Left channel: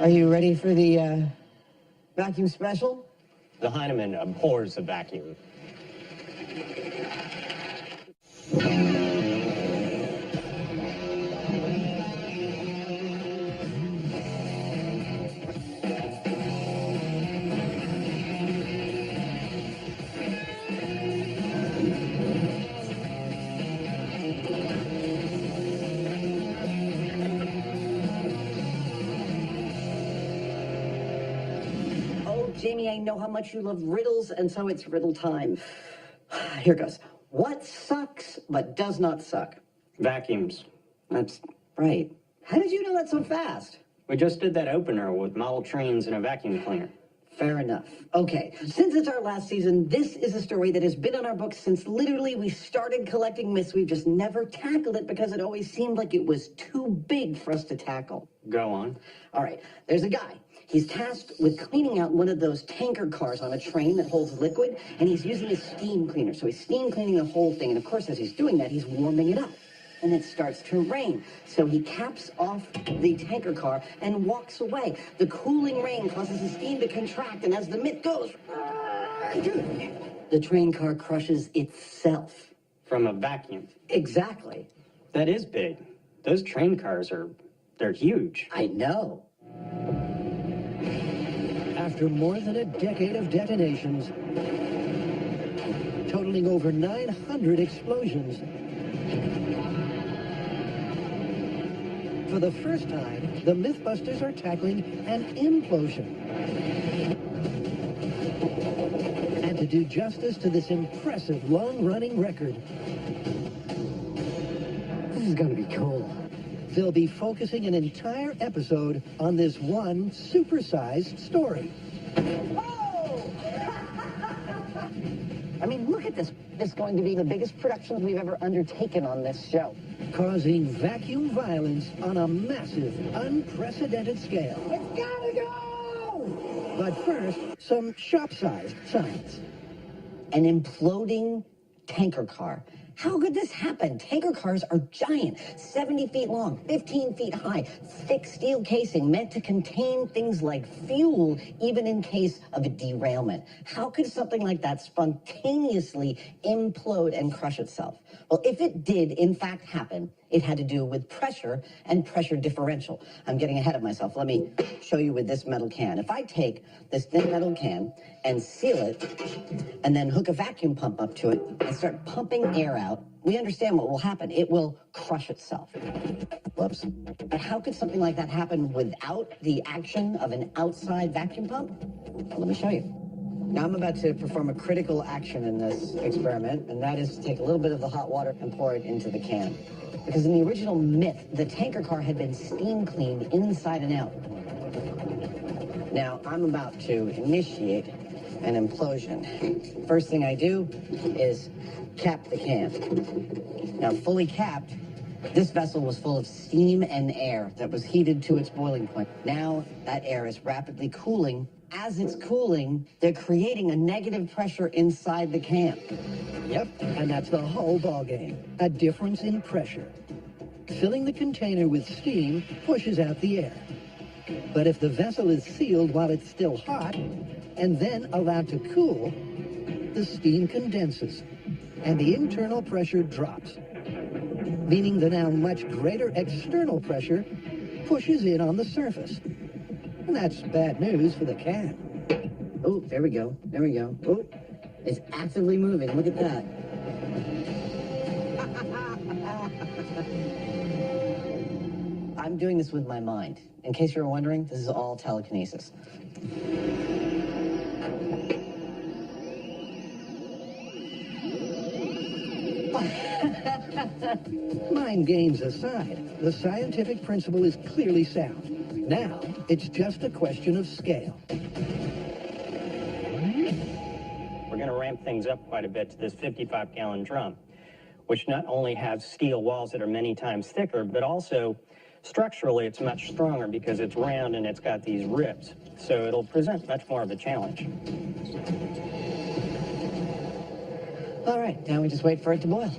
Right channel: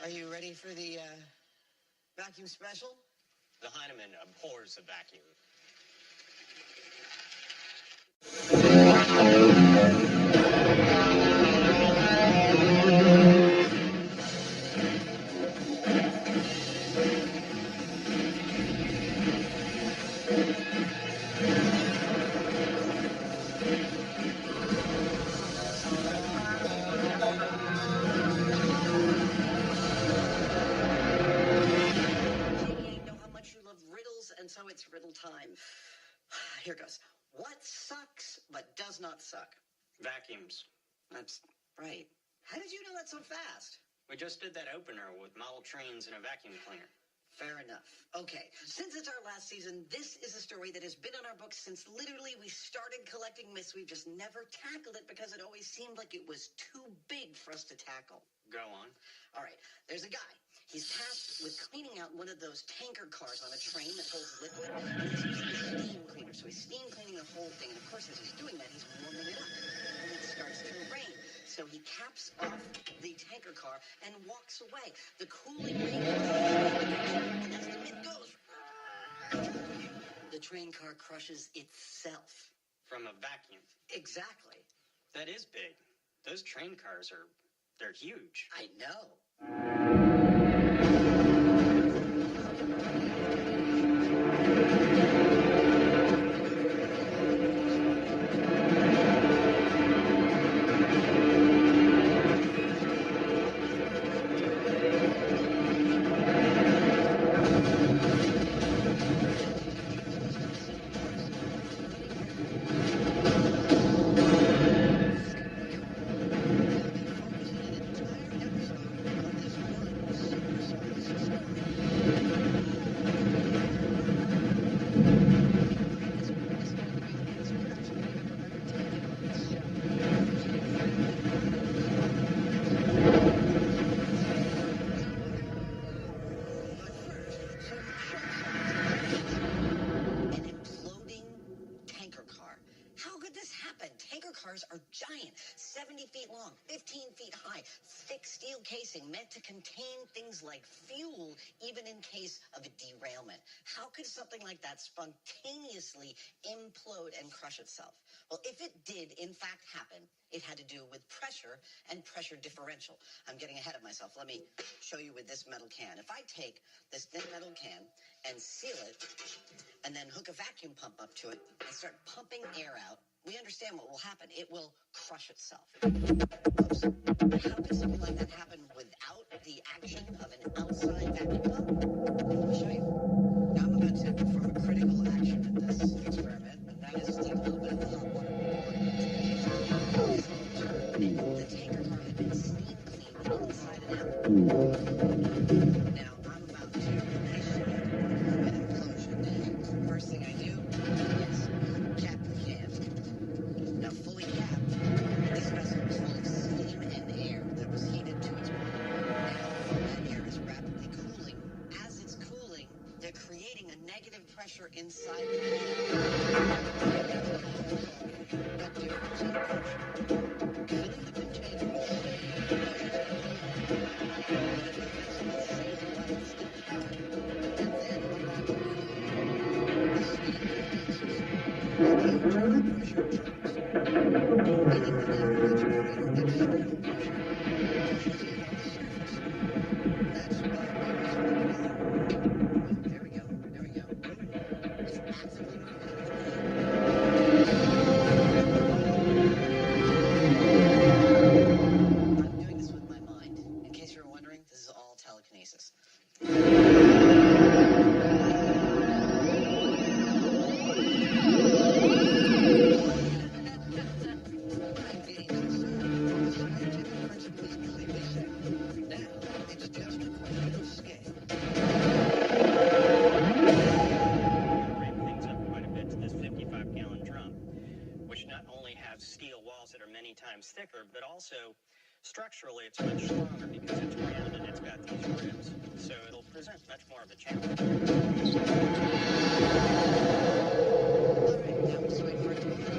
Are you ready for the vacuum special? The Heinemann abhors a vacuum. Jamie, I know how much you love riddles, and so it's riddle time. Here goes. What sucks but does not suck? Vacuums. That's right. How did you know that so fast? We just did that opener with model trains and a vacuum cleaner. Fair enough. Okay, since it's our last season, this is a story that has been on our books since literally we started collecting myths. We've just never tackled it because it always seemed like it was too big for us to tackle. Go on. All right, there's a guy. He's tasked with cleaning out one of those tanker cars on a train that holds liquid, and he's using a steam cleaner. So he's steam cleaning the whole thing, and of course, as he's doing that, he's warming it up. And it starts to rain. So he caps off the tanker car and walks away. The cooling rain causes the steam to contract, and as the myth goes, the train car crushes itself. From a vacuum. Exactly. That is big. Those train cars they're huge. I know. After more than a decade of detonations, totaling over 900 explosions, for the first time, the MythBusters are tackling an implosion. And to do justice to this impressive long-running record, this is going to be cool. They'll be focusing an entire episode on this one supersized story. I mean, look at this. This is going to be the biggest production we've ever undertaken on this show. Causing vacuum violence on a massive, unprecedented scale. It's gotta go! But first, some shop-sized science. An imploding tanker car. How could this happen? Tanker cars are giant, 70 feet long, 15 feet high, thick steel casing meant to contain things like fuel, even in case of a derailment. How could something like that spontaneously implode and crush itself? Well, if it did, in fact, happen, it had to do with pressure and pressure differential. I'm getting ahead of myself. Let me show you with this metal can. If I take this thin metal can and seal it, and then hook a vacuum pump up to it and start pumping air out, we understand what will happen. It will crush itself. Whoops. But how could something like that happen without the action of an outside vacuum pump? Let me show you. Now I'm about to perform a critical action in this experiment, and that is to take a little bit of the hot water and pour it into the can. Because in the original myth, the tanker car had been steam cleaned inside and out. Now I'm about to initiate an implosion. First thing I do is cap the can. Now fully capped, this vessel was full of steam and air that was heated to its boiling point. Now that air is rapidly cooling. As it's cooling, they're creating a negative pressure inside the can. Yep, and that's the whole ballgame. A difference in pressure. Filling the container with steam pushes out the air. But if the vessel is sealed while it's still hot, and then allowed to cool, the steam condenses, and the internal pressure drops, meaning the now much greater external pressure pushes in on the surface. And that's bad news for the can. Oh, there we go. There we go. Oh, it's actively moving. Look at that. In case you were wondering, this is all telekinesis. Mind games aside, the scientific principle is clearly sound. Now, it's just a question of scale. We're going to ramp things up quite a bit to this 55-gallon drum, which not only has steel walls that are many times thicker, but also structurally it's much stronger because it's round and it's got these ribs. So it'll present much more of a challenge. All right, now we just wait for it to boil.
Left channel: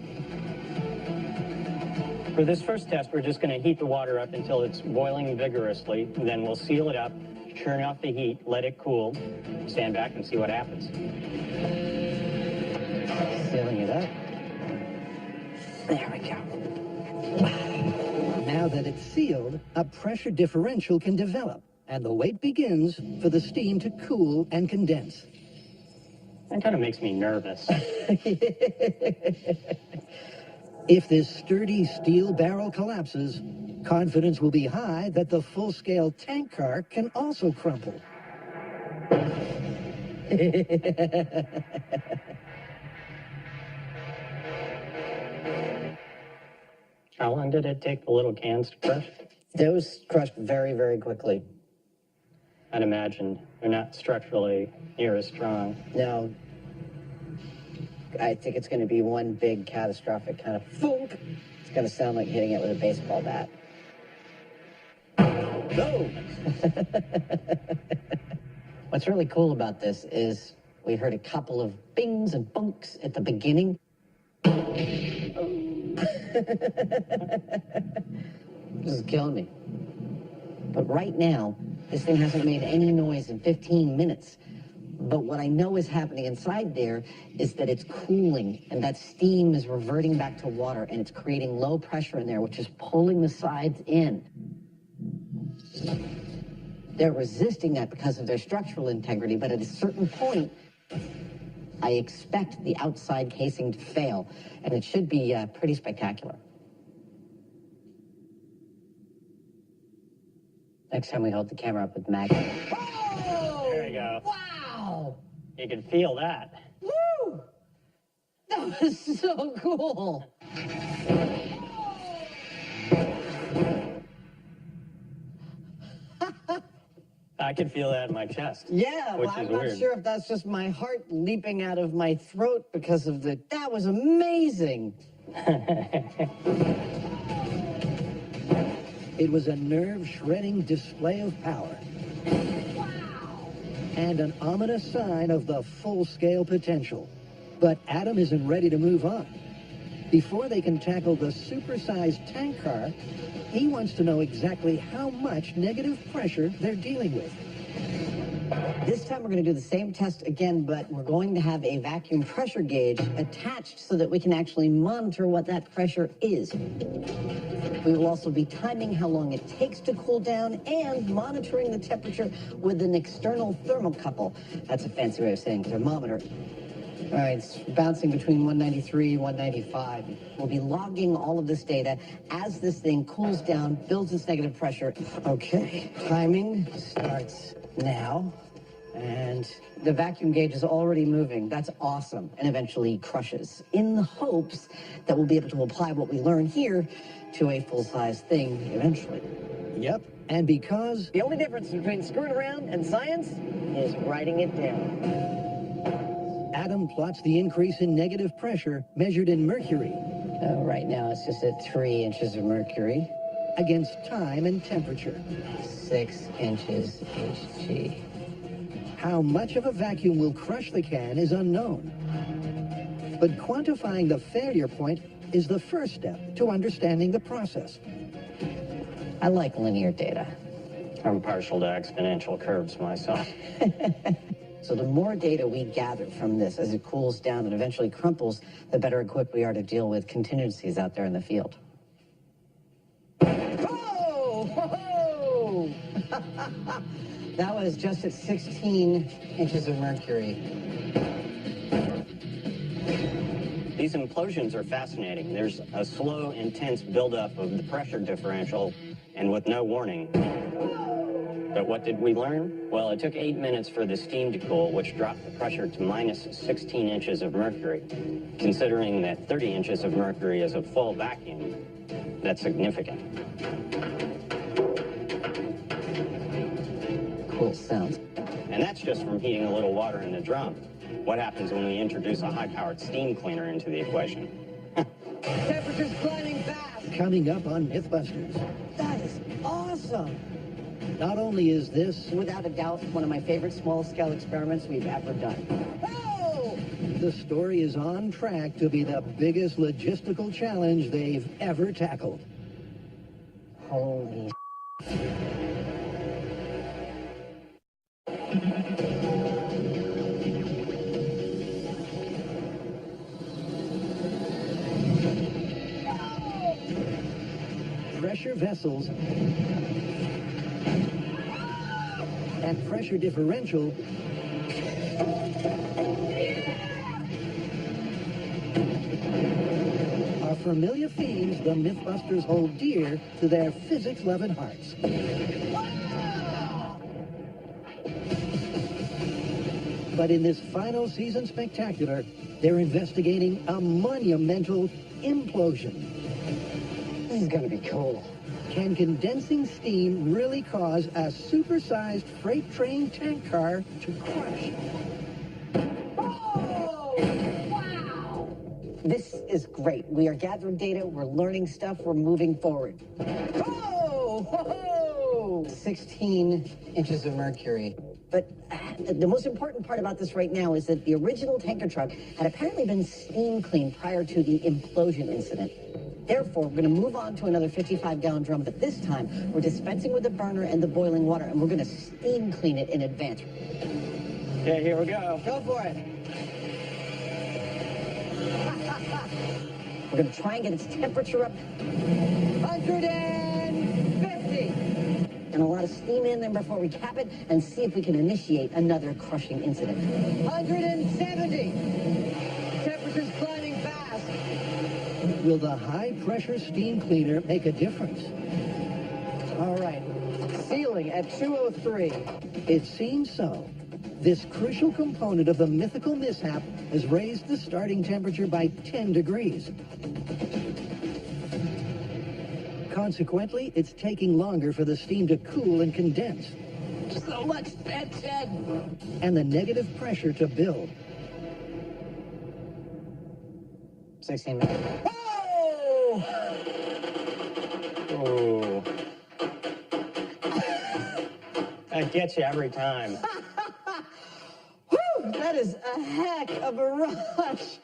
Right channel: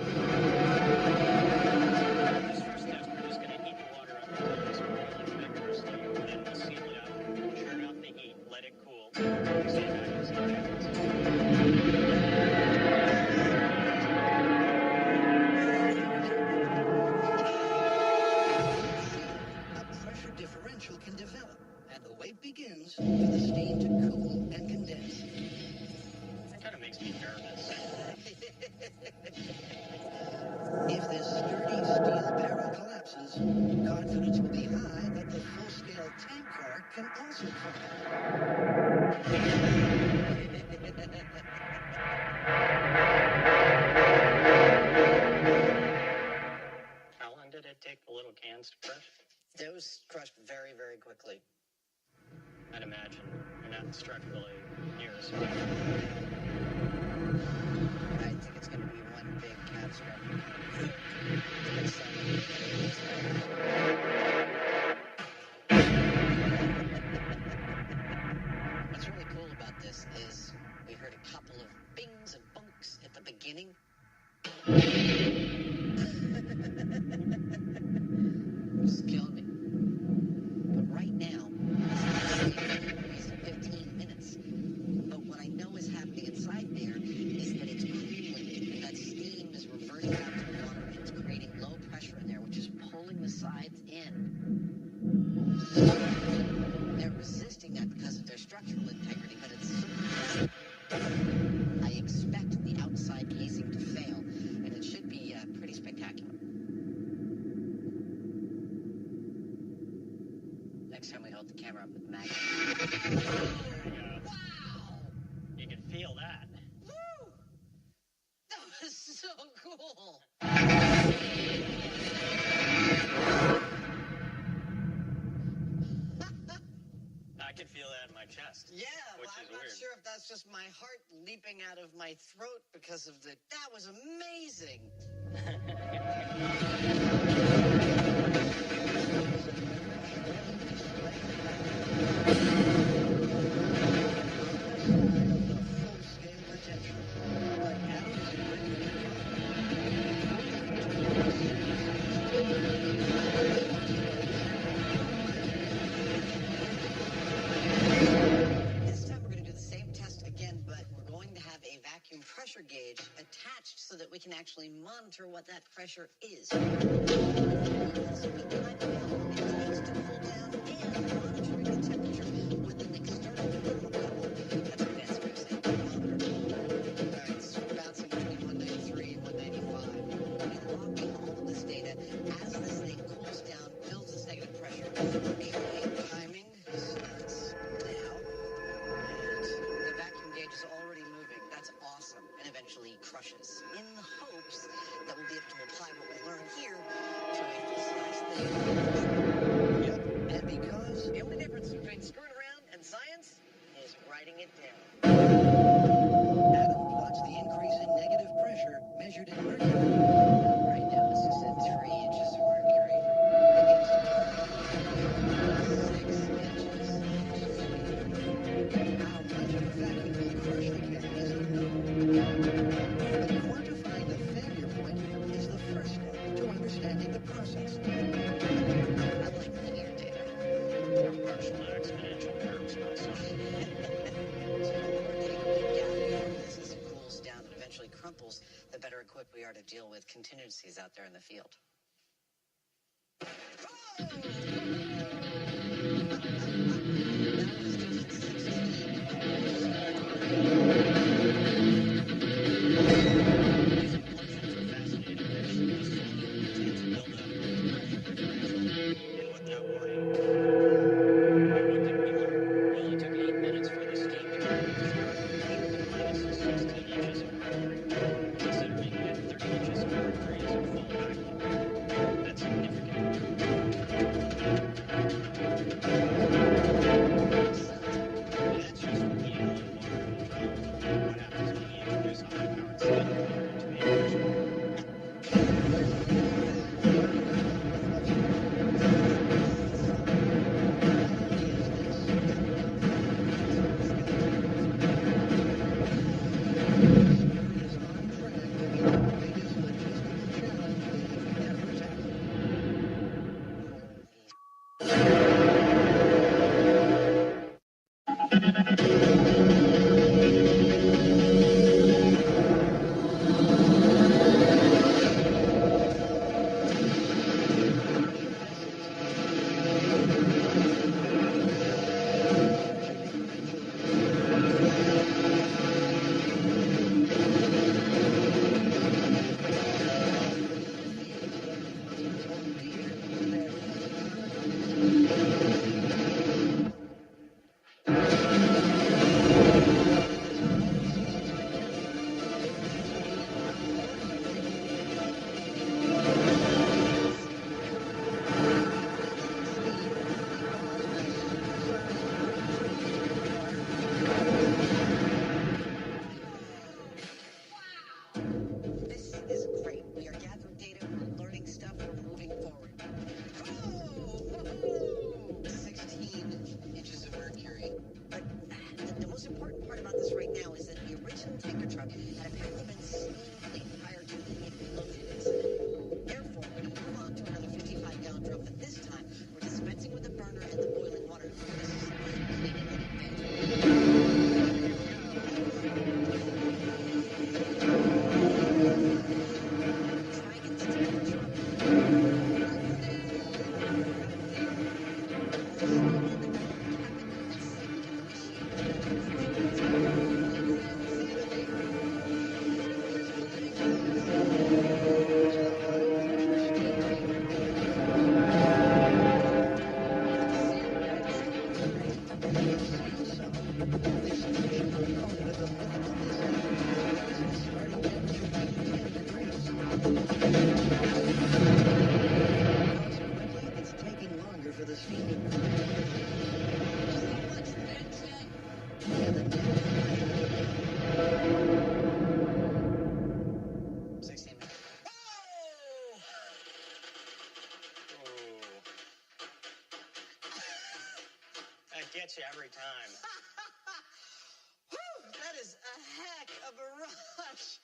For this first test, we're just going to heat the water up until it's boiling vigorously, and then we'll seal it up, turn off the heat, let it cool, stand back and see what happens. Now that it's sealed, a pressure differential can develop, and the wait begins for the steam to cool and condense. That kind of makes me nervous. If this sturdy steel barrel collapses, confidence will be high that the full-scale tank car can also crumple. How long did it take the little cans to crush? Those crushed very, very quickly. I'd imagine they're not structurally near as strong. Now, I think it's going to be one big catastrophic kind of thunk. It's going to sound like hitting it with a baseball bat. What's really cool about this is we heard a couple of bings and bunks at the beginning. This is killing me. But right now, this thing hasn't made any noise in 15 minutes. But what I know is happening inside there is that it's cooling, and that steam is reverting back to water, and it's creating low pressure in there, which is pulling the sides in. They're resisting that because of their structural integrity, but at a certain point, I expect the outside casing to fail, and it should be pretty spectacular. Next time we hold the camera up with magnet. There you go. Wow! You can feel that. Woo! That was so cool. I can feel that in my chest. Yeah, which well, I'm is not weird. sure if that's just my heart leaping out of my throat because of the... That was amazing. It was a nerve-shredding display of power and an ominous sign of the full-scale potential. But Adam isn't ready to move on. Before they can tackle the supersized tank car, he wants to know exactly how much negative pressure they're dealing with. This time we're going to do the same test again, but we're going to have a vacuum pressure gauge attached so that we can actually monitor what that pressure is. We will also be timing how long it takes to cool down and monitoring the temperature with an external thermocouple. That's a fancy way of saying thermometer. All right, it's bouncing between 193 and 195. We'll be logging all of this data as this thing cools down, builds its negative pressure. Okay, timing starts now. And the vacuum gauge is already moving. That's awesome. And eventually crushes, in the hopes that we'll be able to apply what we learn here to a full-size thing eventually. Yep, and because The only difference between screwing around and science is writing it down. Adam plots the increase in negative pressure measured in mercury Right now it's just at 3 inches of mercury, against time and temperature. 6 inches HG. How much of a vacuum will crush the can is unknown. But quantifying the failure point is the first step to understanding the process. I like linear data. I'm partial to exponential curves myself. So the more data we gather from this as it cools down and eventually crumples, the better equipped we are to deal with contingencies out there in the field. Oh! Ho-ho! That was just at 16 inches of mercury. These These implosions are fascinating. There's a slow, intense buildup of pressure differential, and with no warning. But what did we learn? Well, it took 8 minutes for the steam to cool, which dropped the pressure to minus 16 inches of mercury. Considering that 30 inches of mercury is a full vacuum, that's significant. Cool sounds. And that's just from heating a little water in the drum. What happens when we introduce a high-powered steam cleaner into the equation? Temperatures climbing fast. Coming up on MythBusters. That's awesome. Not only is this Without a doubt, one of my favorite small-scale experiments we've ever done. Whoa! the story is on track to be the biggest logistical challenge they've ever tackled. Holy Pressure vessels and pressure differential are familiar themes the MythBusters hold dear to their physics-loving hearts. But in this final season spectacular, they're investigating a monumental implosion. This is gonna be cool. Can condensing steam really cause a supersized freight train tank car to crash? This is great. We are gathering data, we're learning stuff, we're moving forward. Oh! Ho-ho! 16 inches of mercury. But the most important part about this right now is that the original tanker truck had apparently been steam cleaned prior to the implosion incident. Therefore, we're going to move on to another 55-gallon drum, but this time we're dispensing with the burner and the boiling water, and we're going to steam clean it in advance. Okay, here we go. Go for it. We're going to try and get its temperature up 150. And a lot of steam in there before we cap it and see if we can initiate another crushing incident. 170. Temperature's climbing fast. Will the high-pressure steam cleaner make a difference? All right. Seal it at 203. It seems so. This crucial component of the mythical mishap has raised the starting temperature by 10 degrees. Consequently, it's taking longer for the steam to cool and condense, So much tension. and the negative pressure to build. 16 minutes. Oh! Oh. That gets you every time. Whew, that is a heck of a rush.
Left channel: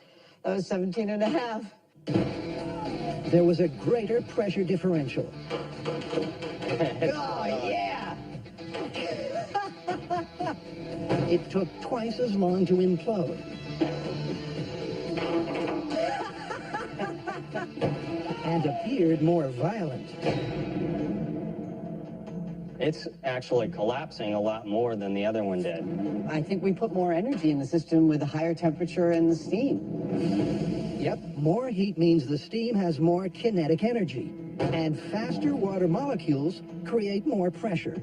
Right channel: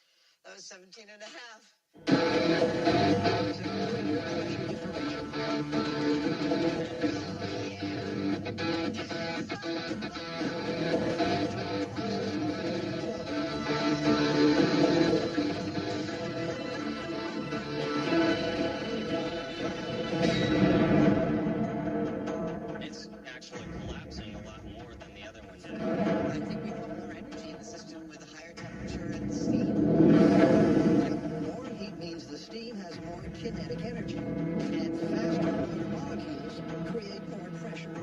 That was 17 and a half. There was a greater pressure differential. Oh, yeah. It took twice as long to implode. And appeared more violent. It's actually collapsing a lot more than the other one did. I think we put more energy in the system with a higher temperature and the steam. Yep, more heat means the steam has more kinetic energy. And faster water molecules create more pressure.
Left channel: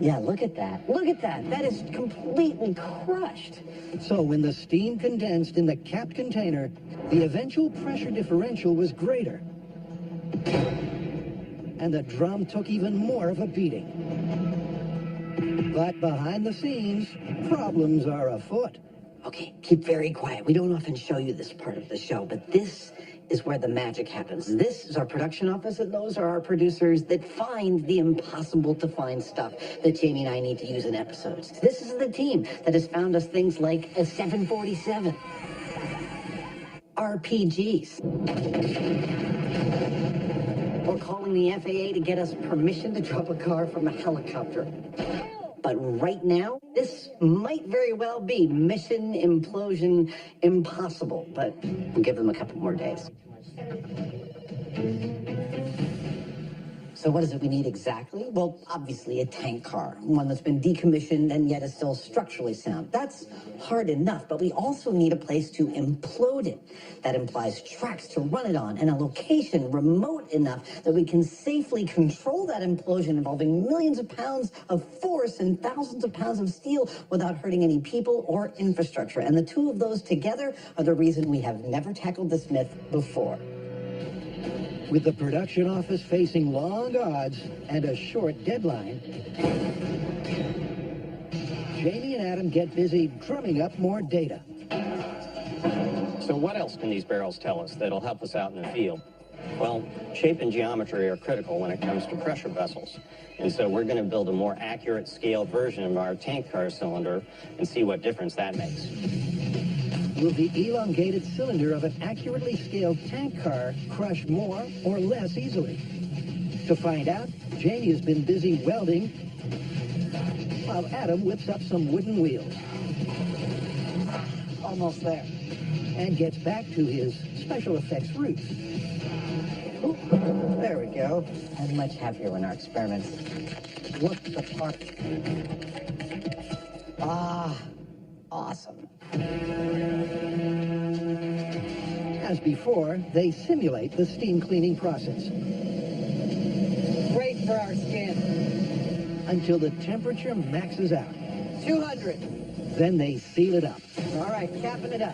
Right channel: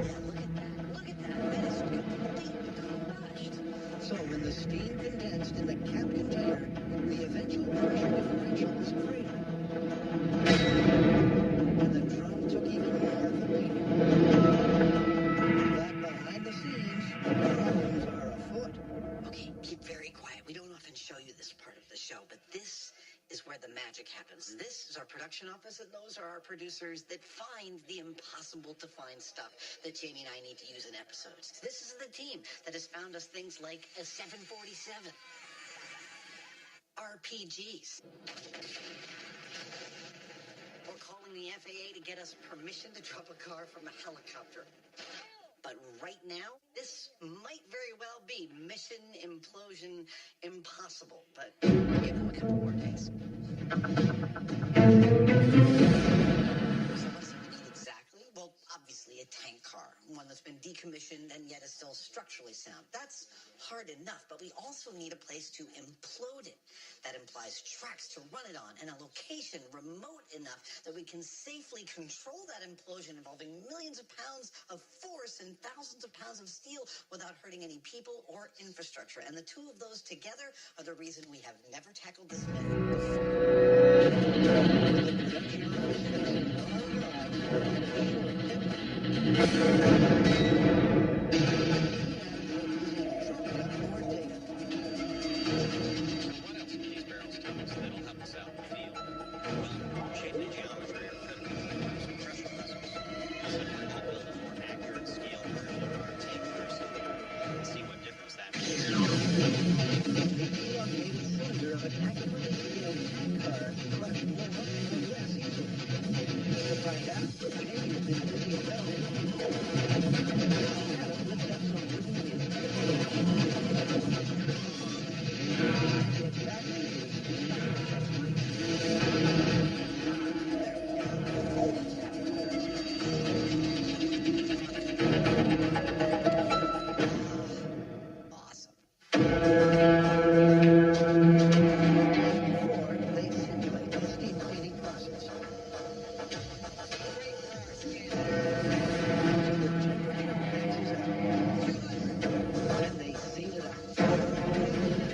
Yeah, look at that. Look at that. That is completely crushed. So when the steam condensed in the capped container, the eventual pressure differential was greater. And the drum took even more of a beating. But behind the scenes, problems are afoot. Okay, keep very quiet. We don't often show you this part of the show, but this is where the magic happens. This is our production office, and those are our producers that find the impossible to find stuff that Jamie and I need to use in episodes. This is the team that has found us things like a 747, RPGs, or calling the FAA to get us permission to drop a car from a helicopter. But right now, this might very well be Mission Implosion Impossible, but we'll give them a couple more days. So what is it we need exactly? Well, obviously a tank car, one that's been decommissioned and yet is still structurally sound. That's hard enough, but we also need a place to implode it. That implies tracks to run it on and a location remote enough that we can safely control that implosion involving millions of pounds of force and thousands of pounds of steel without hurting any people or infrastructure. And the two of those together are the reason we have never tackled this myth before. With the production office facing long odds and a short deadline, Jamie and Adam get busy drumming up more data. So what else can these barrels tell us that'll help us out in the field? Well, shape and geometry are critical when it comes to pressure vessels. And so we're going to build a more accurate scale version of our tank car cylinder and see what difference that makes. Will the elongated cylinder of an accurately scaled tank car crush more or less easily? To find out, Jamie has been busy welding while Adam whips up some wooden wheels. Almost there. And gets back to his special effects roots. There we go. I'll be much happier when our experiments work the part. Ah, awesome. As before, they simulate the steam cleaning process. Great for our skin. Until the temperature maxes out. 200. Then they seal it up All right, capping it up.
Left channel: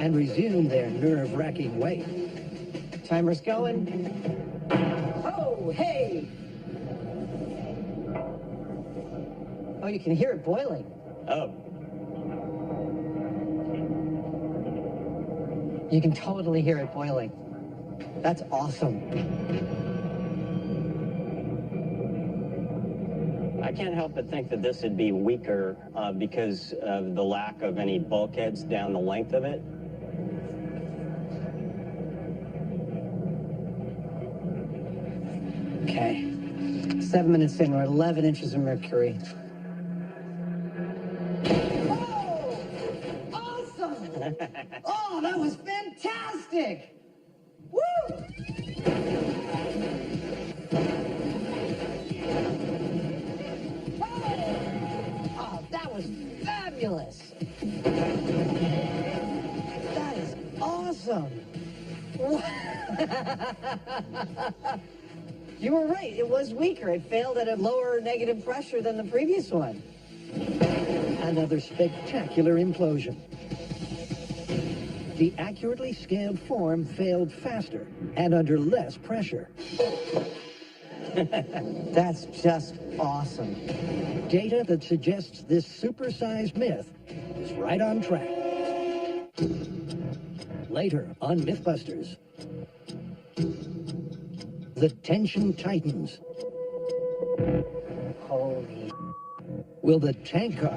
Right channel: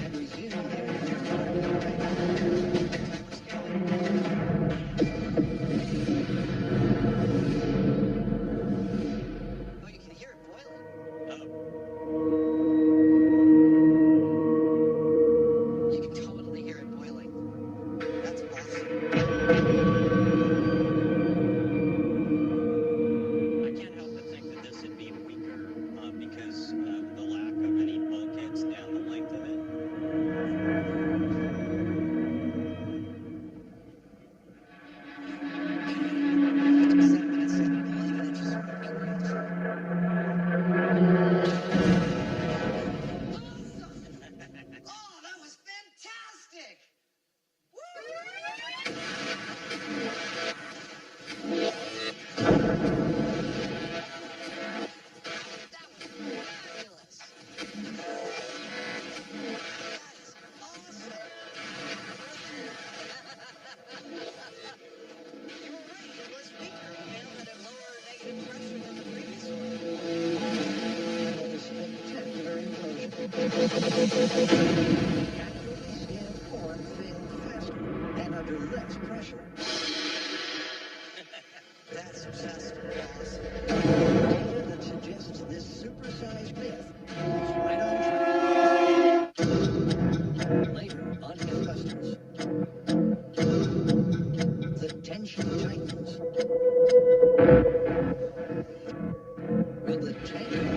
and resume their nerve-wracking race. Timer's going. Oh, hey! Oh, you can hear it boiling. Oh, You can totally hear it boiling. That's awesome. I can't help but think that this would be weaker because of the lack of any bulkheads down the length of it. Okay. 7 minutes in, we're 11 inches of mercury. Awesome! Oh, that was fantastic! Woo! Oh, that was fabulous! That is awesome! You were right, it was weaker. It failed at a lower negative pressure than the previous one. Another spectacular implosion. The accurately scaled form failed faster and under less pressure. That's just awesome. Data that suggests this supersized myth is right on track. Later on MythBusters. The tension tightens. Will the tank car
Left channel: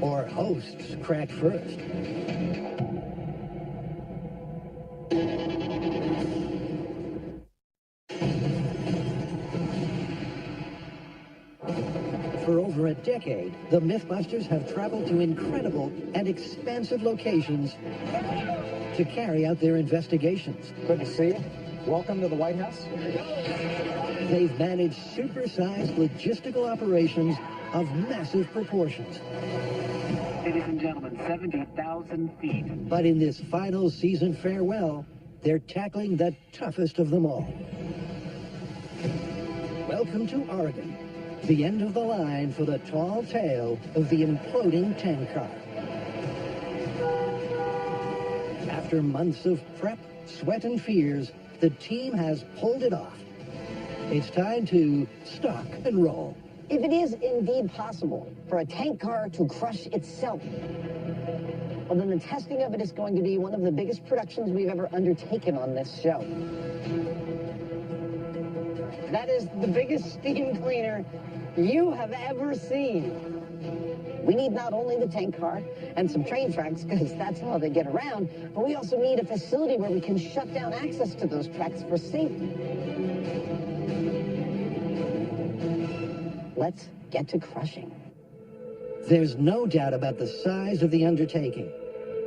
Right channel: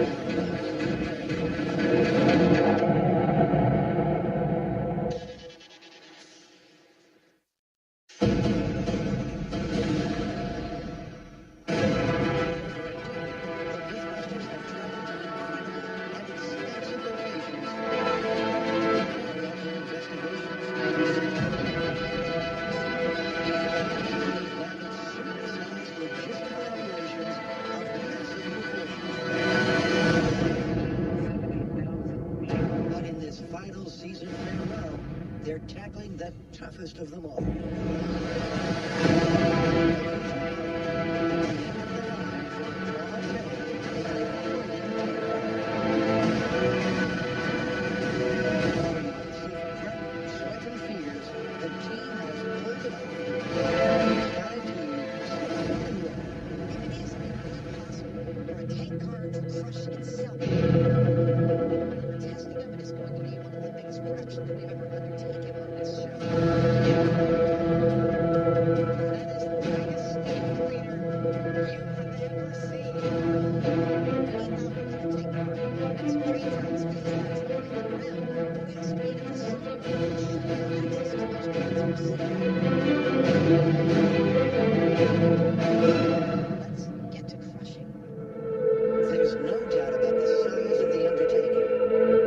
or hosts crack first? For over a decade, the MythBusters have traveled to incredible and expansive locations to carry out their investigations. Welcome to the White House. They've managed supersized logistical operations of massive proportions. Ladies and gentlemen, 70,000 feet. But in this final season farewell, they're tackling the toughest of them all. Welcome to Oregon, the end of the line for the tall tale of the imploding tank car. After months of prep, sweat, and fears, the team has pulled it off. It's time to stop and roll. If it is indeed possible for a tank car to crush itself, well, then the testing of it is going to be one of the biggest productions we've ever undertaken on this show. That is the biggest steam cleaner you have ever seen. We need not only the tank car and some train tracks, because that's how they get around, but we also need a facility where we can shut down access to those tracks for safety. Let's get to crushing. There's no doubt about the size of the undertaking.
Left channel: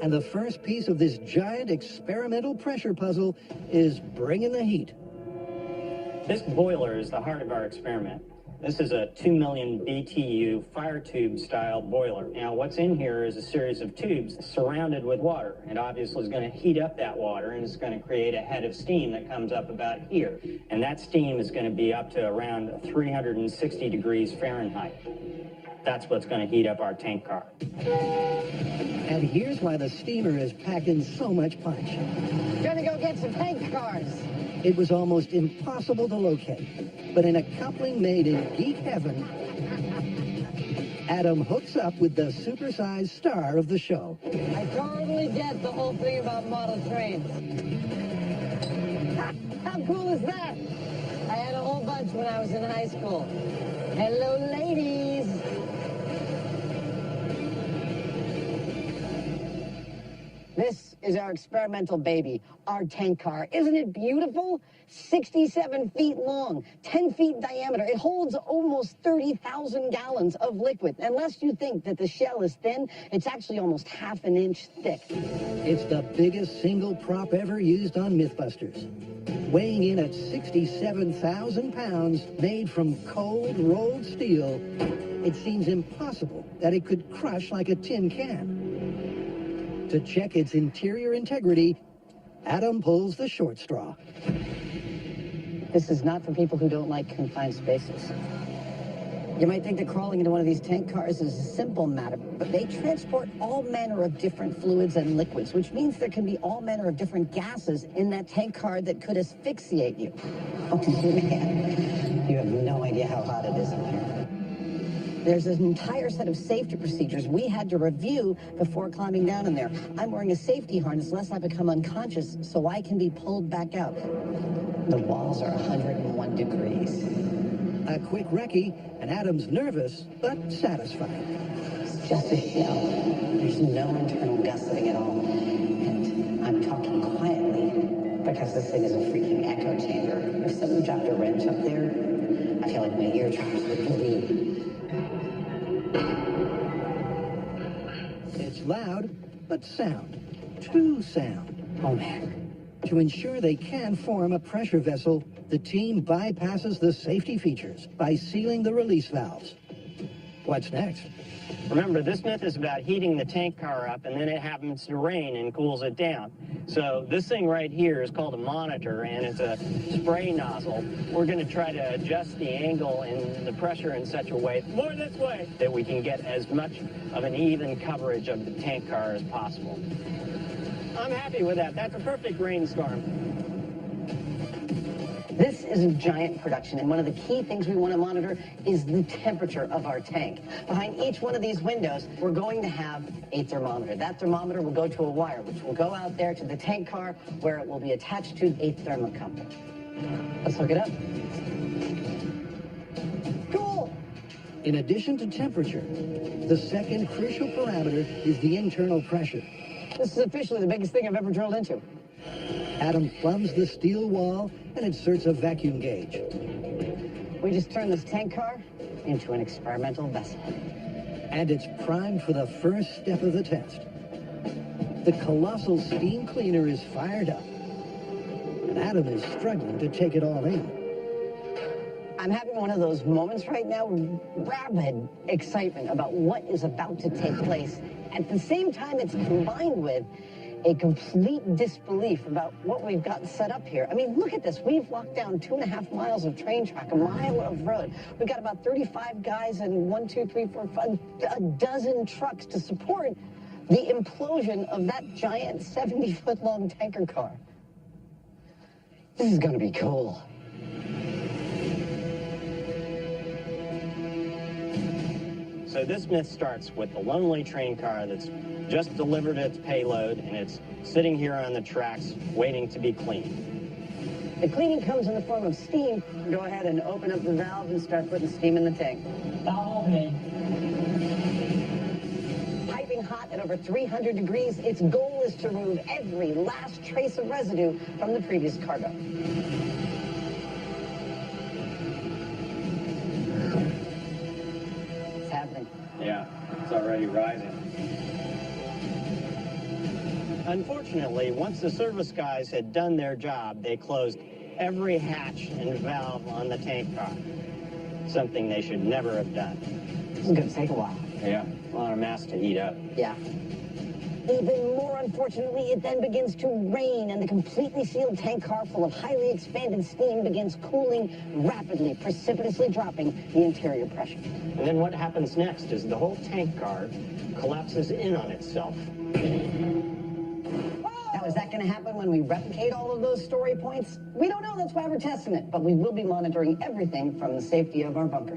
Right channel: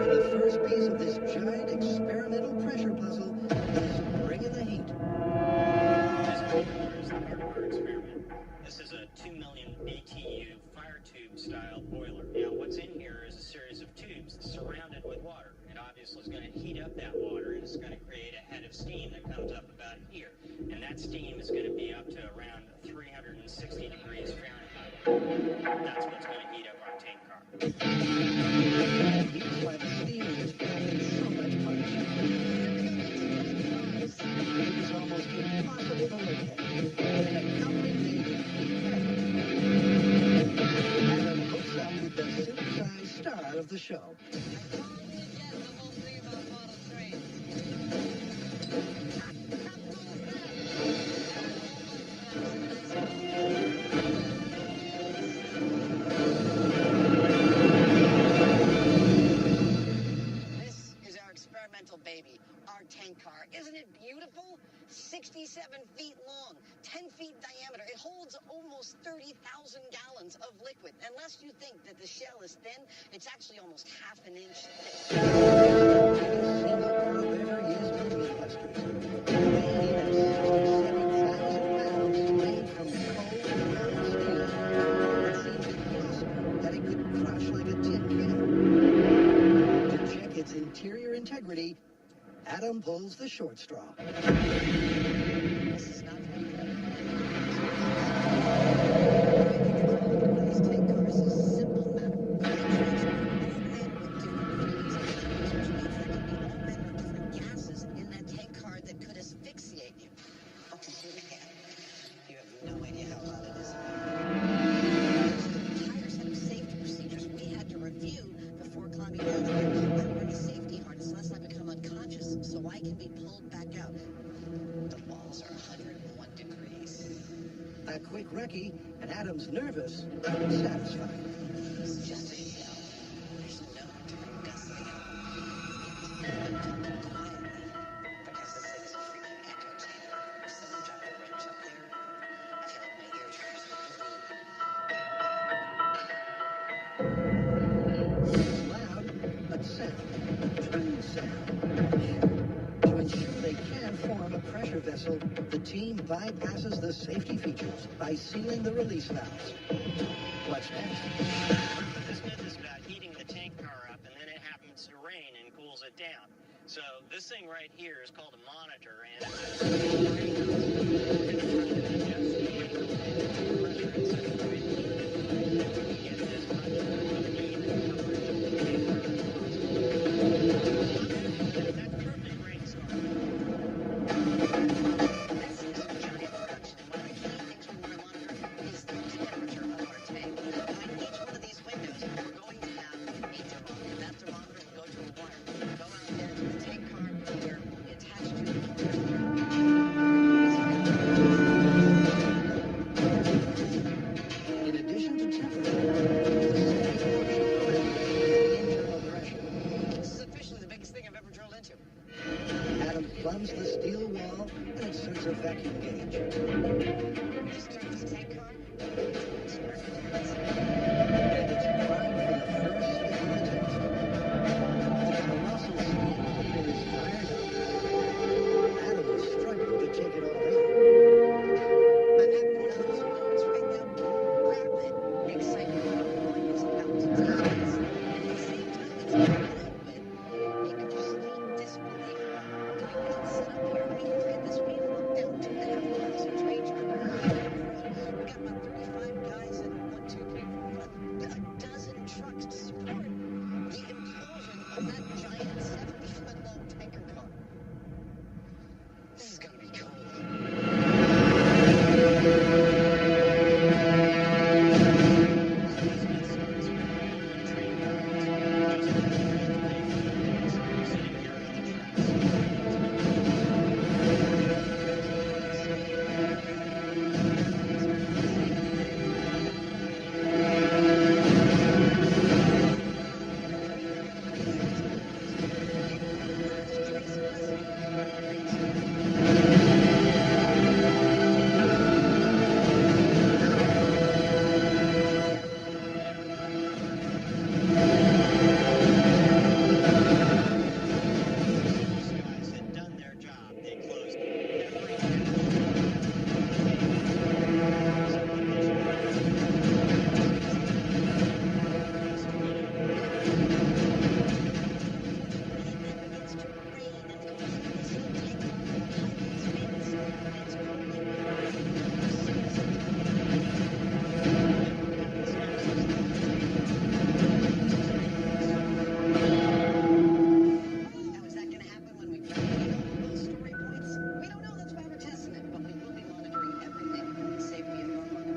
And the first piece of this giant experimental pressure puzzle is bringing the heat. This boiler is the heart of our experiment. This is a 2 million BTU fire tube style boiler. Now what's in here is a series of tubes surrounded with water. It obviously is going to heat up that water and it's going to create a head of steam that comes up about here. And that steam is going to be up to around 360 degrees Fahrenheit. That's what's going to heat up our tank car. And here's why the steamer is packing so much punch. Gotta go get some tank cars. It was almost impossible to locate. But in a coupling made in geek heaven, Adam hooks up with the supersized star of the show. I totally get the whole thing about model trains. How cool is that? I had a whole bunch when I was in high school. Hello, ladies. This is our experimental baby, our tank car. Isn't it beautiful? 67 feet long, 10 feet diameter. It holds almost 30,000 gallons of liquid. Unless you think that the shell is thin, it's actually almost half an inch thick. It's the biggest single prop ever used on MythBusters. Weighing in at 67,000 pounds, made from cold rolled steel, it seems impossible that it could crush like a tin can. To check its interior integrity, Adam pulls the short straw. This is not for people who don't like confined spaces. You might think that crawling into one of these tank cars is a simple matter, but they transport all manner of different fluids and liquids, which means there can be all manner of different gases in that tank car that could asphyxiate you. Oh, man. You have no idea how hot it is in there. There's an entire set of safety procedures we had to review before climbing down in there. I'm wearing a safety harness lest I become unconscious so I can be pulled back out. The walls are 101 degrees. A quick recce, and Adam's nervous, but satisfied. It's just a shell. There's no internal gusseting at all. And I'm talking quietly because this thing is a freaking echo chamber. If someone dropped a wrench up there, I feel like my eardrums would bleed. It's loud, but sound. True sound. Oh, man. To ensure they can form a pressure vessel, the team bypasses the safety features by sealing the release valves. What's next? Remember, this myth is about heating the tank car up and then it happens to rain and cools it down. So this thing right here is called a monitor and it's a spray nozzle. We're going to try to adjust the angle and the pressure in such a way, more this way, that we can get as much of an even coverage of the tank car as possible. I'm happy with that. That's a perfect rainstorm. This is a giant production, and one of the key things we want to monitor is the temperature of our tank. Behind each one of these windows, we're going to have a thermometer. That thermometer will go to a wire, which will go out there to the tank car, where it will be attached to a thermocouple. Let's look it up. Cool! In addition to temperature, the second crucial parameter is the internal pressure. This is officially the biggest thing I've ever drilled into. Adam plumbs the steel wall and inserts a vacuum gauge. We just turned this tank car into an experimental vessel. And it's primed for the first step of the test. The colossal steam cleaner is fired up. Adam is struggling to take it all in. I'm having one of those moments right now, rabid excitement about what is about to take place. At the same time, it's combined with a complete disbelief about what we've got set up here. I mean, look at this. We've locked down 2.5 miles of train track, a mile of road. We've got about 35 guys and 1, 2, 3, 4, 5, a dozen trucks to support the implosion of that giant 70-foot-long tanker car. This is going to be cool. So this myth starts with the lonely train car that's just delivered its payload and it's sitting here on the tracks waiting to be cleaned. The cleaning comes in the form of steam. Go ahead and open up the valve and start putting steam in the tank. Piping hot at over 300 degrees, its goal is to remove every last trace of residue from the previous cargo. Unfortunately, once the service guys had had done their job. They closed every hatch and valve on the tank pump. Something they should never have done. It's going to take a while. Yeah, a lot of mass to heat up. Yeah. Even more unfortunately, it then begins to rain, and the completely sealed tank car full of highly expanded steam begins cooling rapidly, precipitously dropping the interior pressure. And then what happens next is the whole tank car collapses in on itself. Now, is that going to happen when we replicate all of those story points? We don't know. That's why we're testing it. But we will be monitoring everything from the safety of our bunker.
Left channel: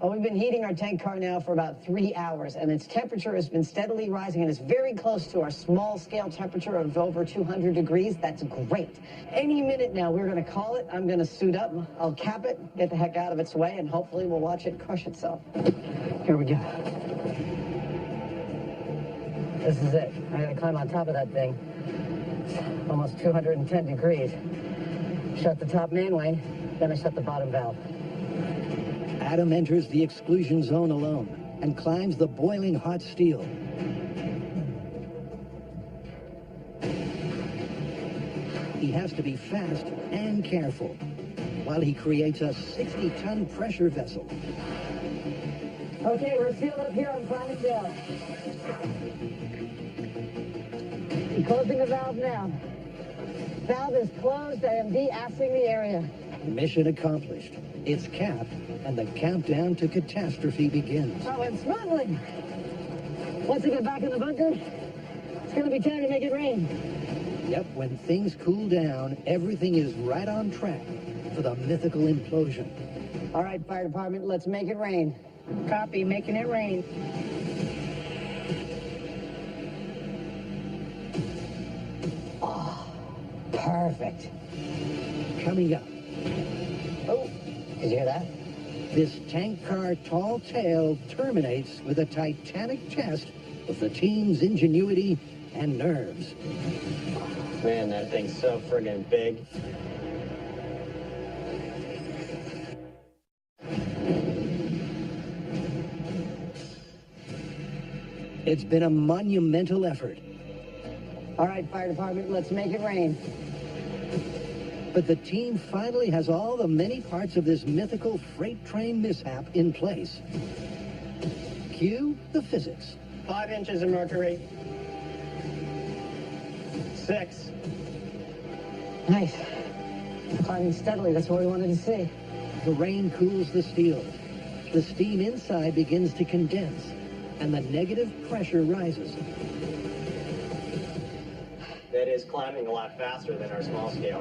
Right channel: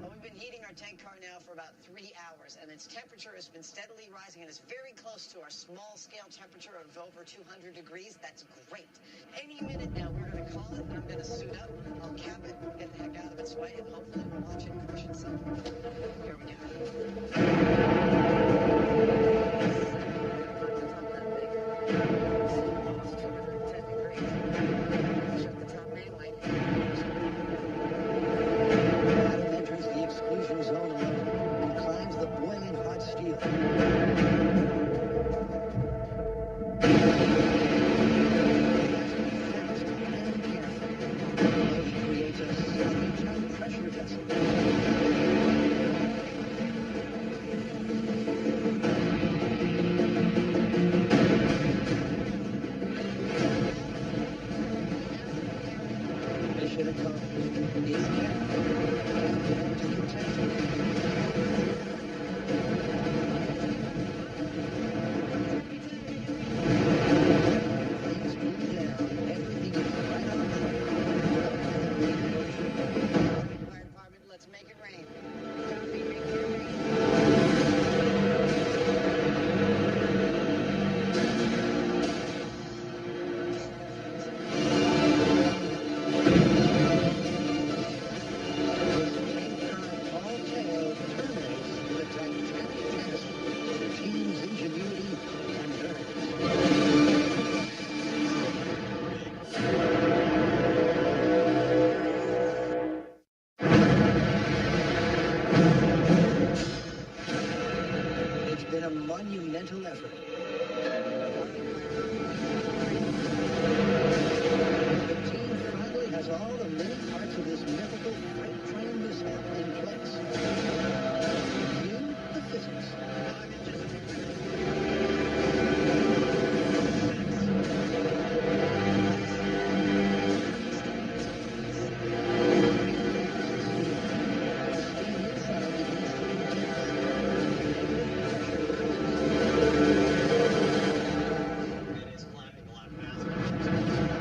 Well, we've been heating our tank car now for about 3 hours, and its temperature has been steadily rising, and it's very close to our small-scale temperature of over 200 degrees. That's great. Any minute now, we're going to call it. I'm going to suit up. I'll cap it, get the heck out of its way, and hopefully we'll watch it crush itself. Here we go. This is it. I got to climb on top of that thing. Almost 210 degrees. Shut the top mainway, then I shut the bottom valve. Adam enters the exclusion zone alone and climbs the boiling hot steel. He has to be fast and careful while he creates a 60-ton pressure vessel. Okay, we're fuel up here on fine floor. Closing the valve now. Valve is closed and de-assing the area. Mission accomplished. It's capped, and the countdown to catastrophe begins. Oh, it's smuggling! Once we get back in the bunker, it's going to be time to make it rain. When things cool down, everything is right on track for the mythical enclosure. All right, fire department, let's make it rain. Copy, making it rain. Perfect. Coming up, Did you hear that? this tank car tall tale terminates with a titanic test of the team's ingenuity and nerves. Man, that thing's so friggin' big. It's been a monumental effort, All right, fire department, let's make it rain. but the team finally has all the many parts of this mythical freight train mishap in place. Cue the physics. 5 inches of mercury. 6. Nice. Climbing steadily, that's what we wanted to see. The rain cools the steel. The steam inside begins to condense, and the negative pressure rises. That is climbing a lot faster than our small scale.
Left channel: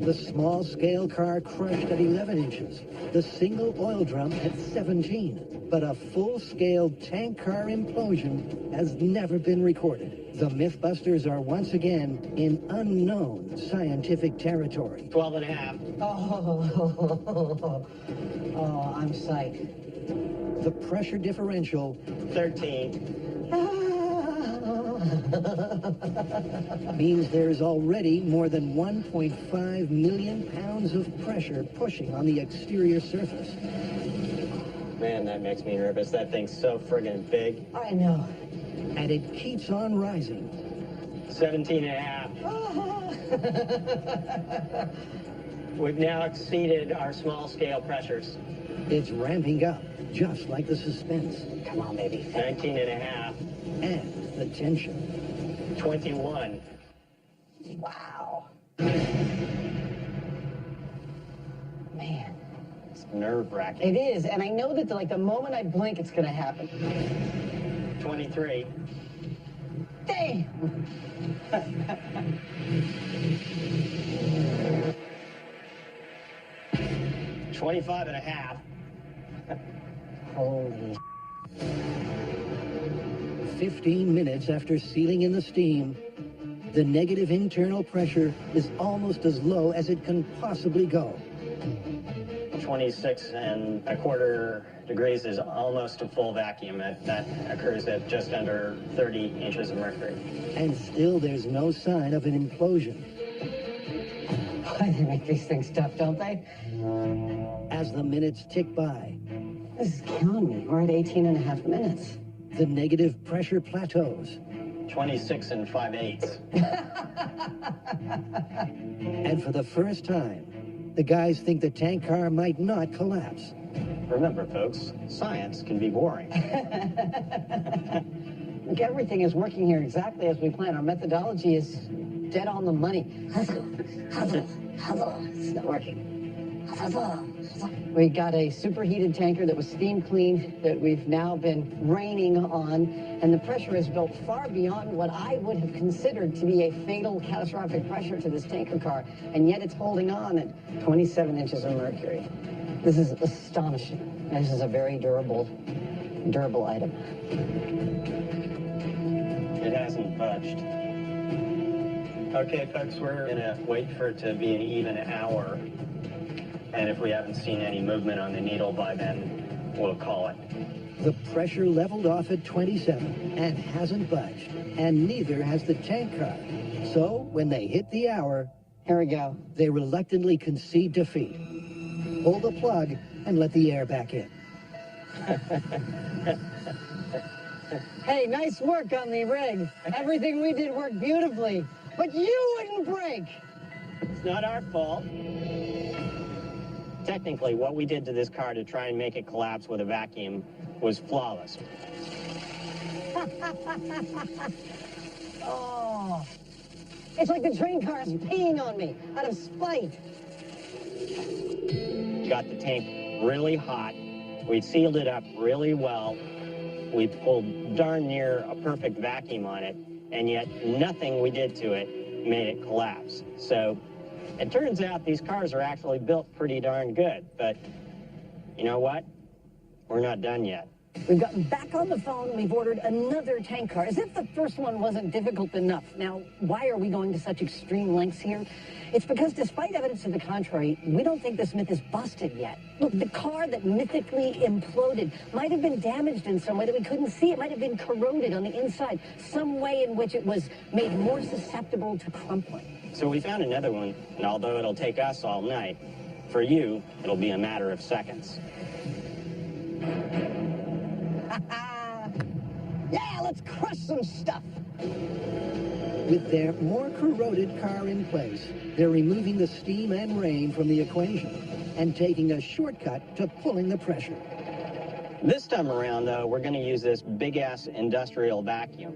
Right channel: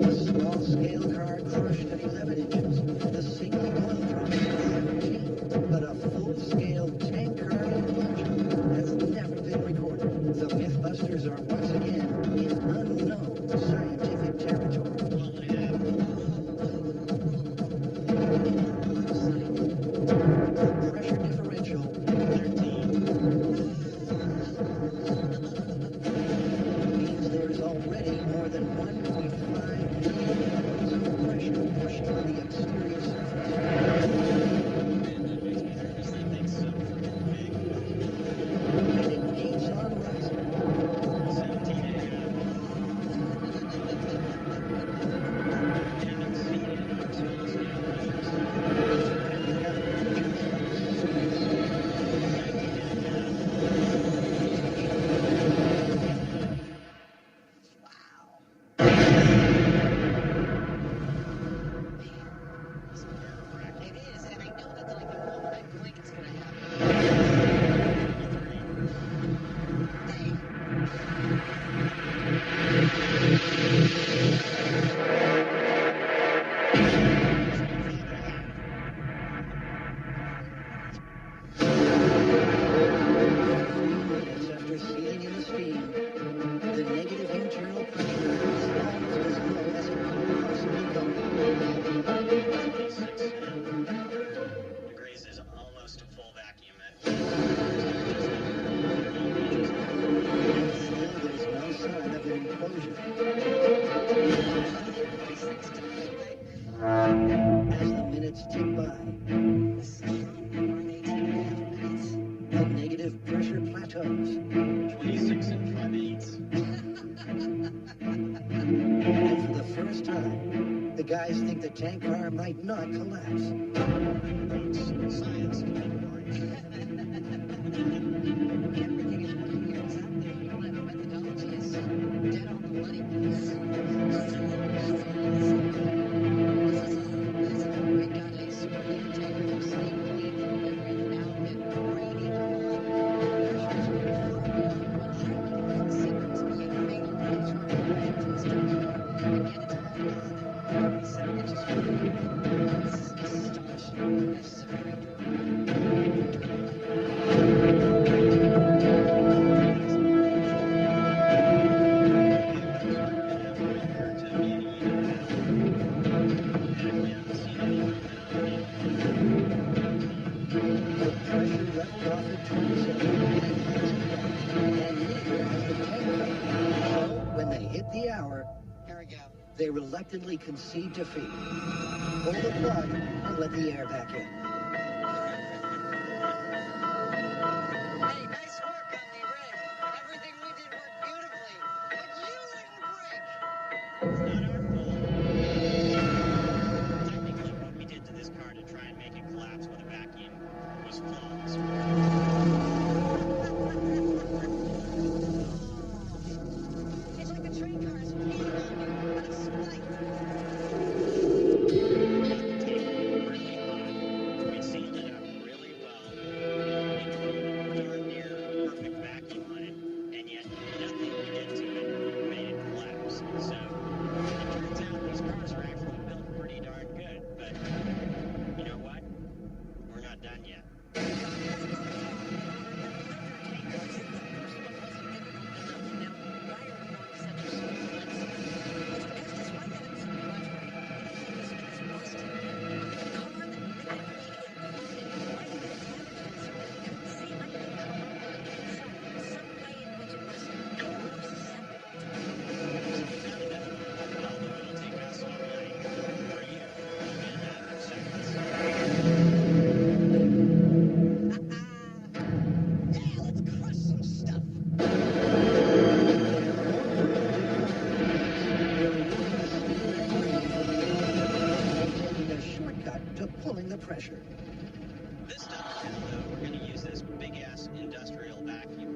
The small-scale car crushed at 11 inches. The single oil drum at 17. But a full-scale tank car implosion has never been recorded. The MythBusters are once again in unknown scientific territory. 12 and a half. Oh, I'm psyched. The pressure differential 13. means there is already more than 1.5 million pounds of pressure pushing on the exterior surface. Man, that makes me nervous. That thing's so friggin' big. I know. And it keeps on rising. 17 and a half. We've now exceeded our small scale pressures. It's ramping up, just like the suspense. 19 and a half. And the tension. 21. Wow. Man, It's nerve-wracking. it is, and I know that the moment I blink, it's going to happen. 23. Dang! 25 and a half. Holy. 15 minutes after sealing in the steam, the negative internal pressure is almost as low as it can possibly go. 26 and a quarter degrees is almost a full vacuum. That occurs at just under 30 inches of mercury. And still there's no sign of an implosion. They make these things tough, don't they? As the minutes tick by, This is killing me. We're at 18 and a half minutes. the negative pressure plateaus. 26 and 5/8. And for the first time, the guys think the tank car might not collapse. Remember, folks, science can be boring. Look, everything is working here exactly as we planned. Our methodology is dead on the money. We got a superheated tanker that was steam cleaned that we've now been raining on, and the pressure has built far beyond what I would have considered to be a fatal catastrophic pressure to this tanker car, and yet it's holding on at 27 inches of mercury. This is astonishing. This is a very durable item. It hasn't budged. Okay, folks, we're gonna wait for it to be an even hour. And if we haven't seen any movement on the needle by then, we'll call it. The pressure leveled off at 27 and hasn't budged, and neither has the tank car. So when they hit the hour, Here we go. they reluctantly concede defeat. Pull the plug and let the air back in. Hey, nice work on the rig. Everything we did worked beautifully, but you wouldn't break. It's not our fault. Technically, what we did to this car to try and make it collapse with a vacuum was flawless. Oh, it's like the train car is peeing on me out of spite. Got the tank really hot. We sealed it up really well. We pulled darn near a perfect vacuum on it, and yet nothing we did to it made it collapse. So it turns out these cars are actually built pretty darn good, but you know what? We're not done yet. We've gotten back on the phone and we've ordered another tank car, as if the first one wasn't difficult enough. Now, why are we going to such extreme lengths here? It's because despite evidence to the contrary, we don't think this myth is busted yet. Look, the car that mythically imploded might have been damaged in some way that we couldn't see. It might have been corroded on the inside, some way in which it was made more susceptible to crumpling. So we found another one, and although it'll take us all night, for you, it'll be a matter of seconds. Yeah, let's crush some stuff. With their more corroded car in place, they're removing the steam and rain from the equation and taking a shortcut to pulling the pressure. This time around, though, we're going to use this big-ass industrial vacuum.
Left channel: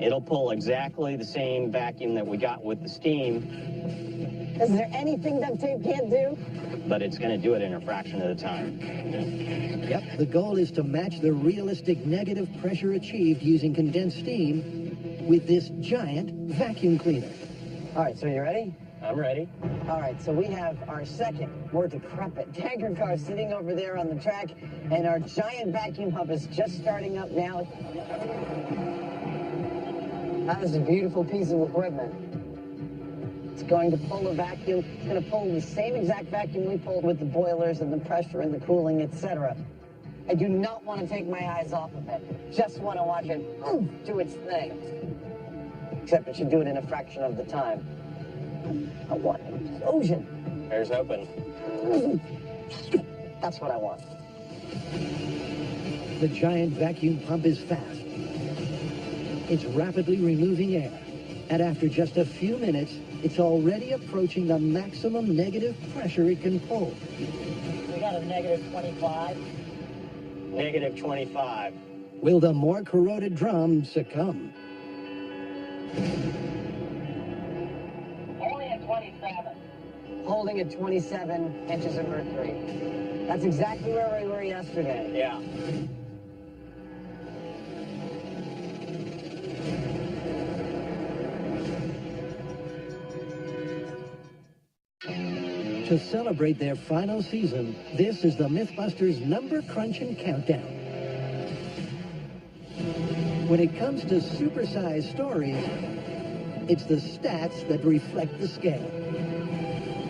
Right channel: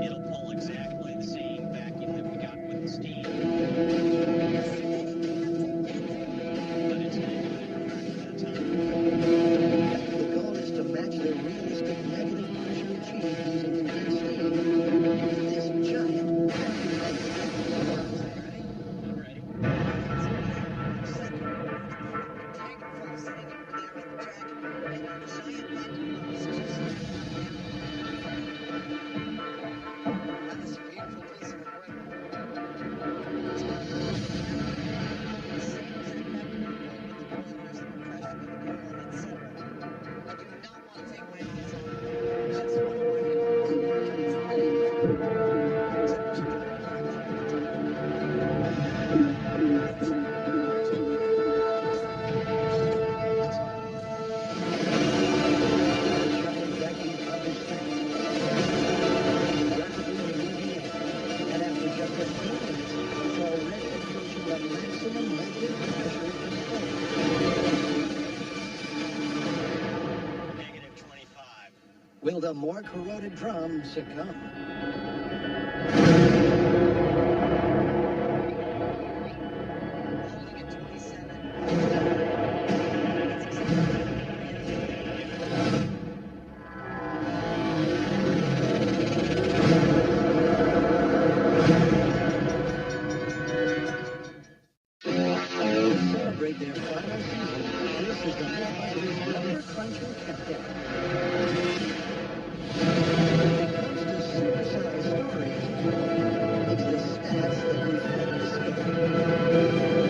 It'll pull exactly the same vacuum that we got with the steam, Is there anything that tape can't do? but it's going to do it in a fraction of the time. Yet the goal is to match the realistic negative pressure achieved using condensed steam with this giant vacuum cleaner. All right, so you ready? I'm ready. All right, so we have our second worth of prep. A tanker car sitting over there on the track, and our giant vacuum pump is just starting up now. That is a beautiful piece of equipment. It's going to pull a vacuum. It's going to pull the same exact vacuum we pulled with the boilers and the pressure and the cooling, etc. I do not want to take my eyes off of it. Just want to watch it do its thing. Except that you do it in a fraction of the time. Explosion. There's open. That's what I want. The giant vacuum pump is fast. It's rapidly removing air, and after just a few minutes, it's already approaching the maximum negative pressure it can hold. We got a negative 25. Negative 25. Will the more corroded drum succumb? Holding at 27 inches. That's exactly where we were yesterday. Yeah. To celebrate their final season, this is the MythBusters number crunching countdown. When it comes to supersized stories, it's the stats that reflect the scale.